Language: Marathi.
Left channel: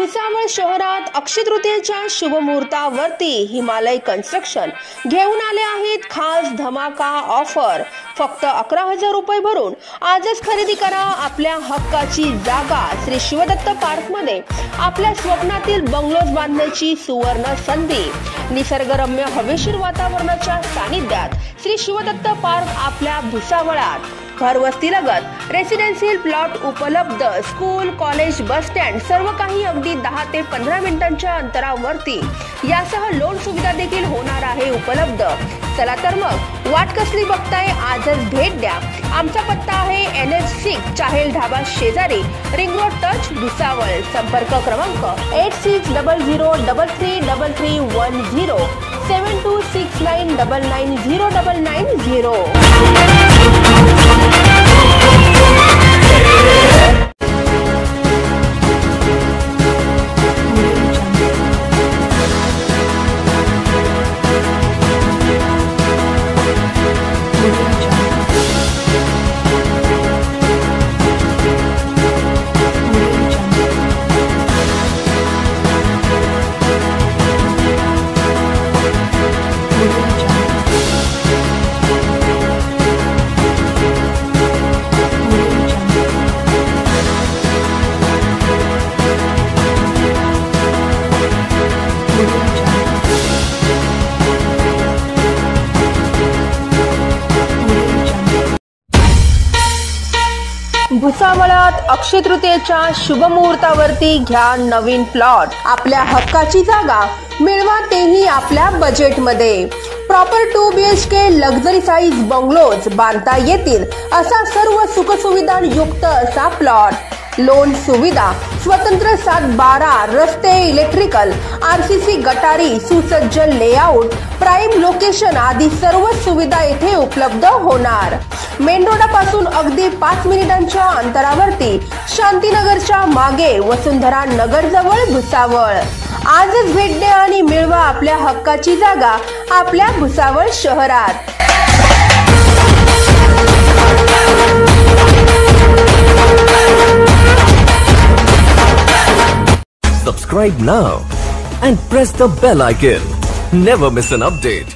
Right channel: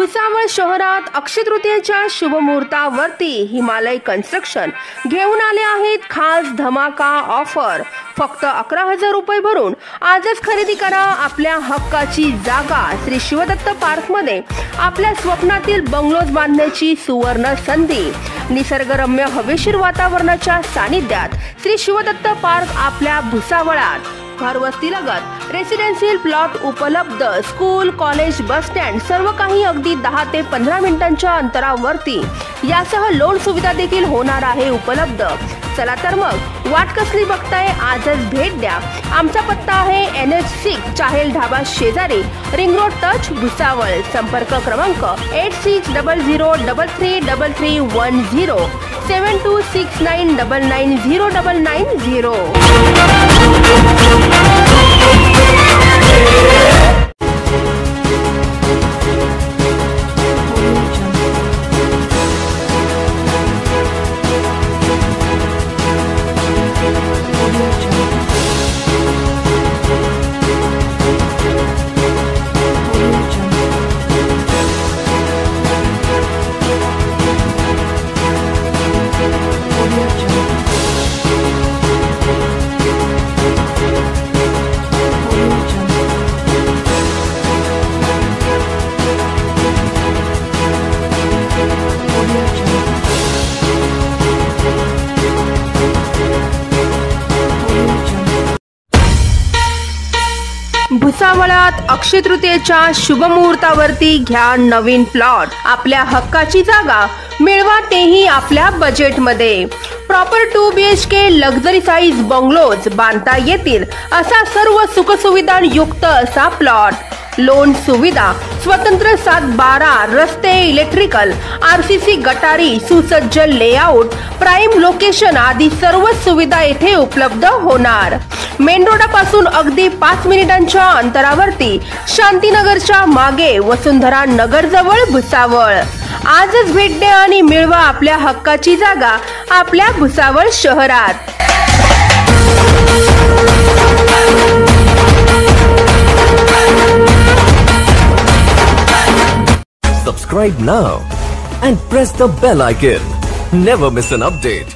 भुसावळ शहरात अक्षय तृतीयेच्या शुभ मुहूर्तावरती हिमालय कन्स्ट्रक्शन घेऊन आले आहेत खास धमाका ऑफर। फक्त 11,000 रुपये भरून आजच खरेदी करा आपल्या हक्काची जागा। श्री शिवदत्त पार्क मध्ये आपल्या स्वप्नातील बंगलोज बांधण्याची सुवर्ण संधी। निसर्गरम्य हवेशीर वातावरणाच्या सानिध्यात श्री शिवदत्त पार्क आपल्या भुसावळात। घरवस्तीलगत रेसिडेन्शियल प्लॉट उपलब्ध। स्कूल, कॉलेज, बस स्टँड सर्व काही अगदी 10 ते 15 मिनिटांच्या अंतरावरती। यासह लोन सुविधा देखील होणार आहे उपलब्ध। चला तर मग वाट कसली बघताय, आजच भेट द्या। आमचा पत्ता आहे NH6 चाहेल ढाबा शेजारी, रिंग रोड टच, भुसावळ। संपर्क क्रमांक 8600333310 7269990990। भुसावळात अक्षय तृतीयेच्या शुभ मुहूर्तावरती घ्या नवीन प्लॉट। आपल्या हक्काची जागा मिळवा, तेही आपल्या बजेटमध्ये। Proper 2 BHK luxury size bungalows बांधता येतील असा सर्व सुखसुविधा युक्त असा प्लॉट। लोन सुविधा, स्वतंत्र 7-12 रस्ते, इलेक्ट्रिकल, RCC गटारी, सुसज्ज लेआउट, प्राइम लोकेशन आदी सर्व सुविधा येथे उपलब्ध होणार। मेन रोडापासून अगदी 5 मिनिटांच्या अंतरावरती, शांतीनगरच्या मागे, वसुंधरा नगर जवळ, भुसावळ। आजच भेट द्या आणि मिळवा आपल्या हक्काची जागा आपल्या भुसावळ शहरात। Subscribe now and press the bell icon. Never miss an update.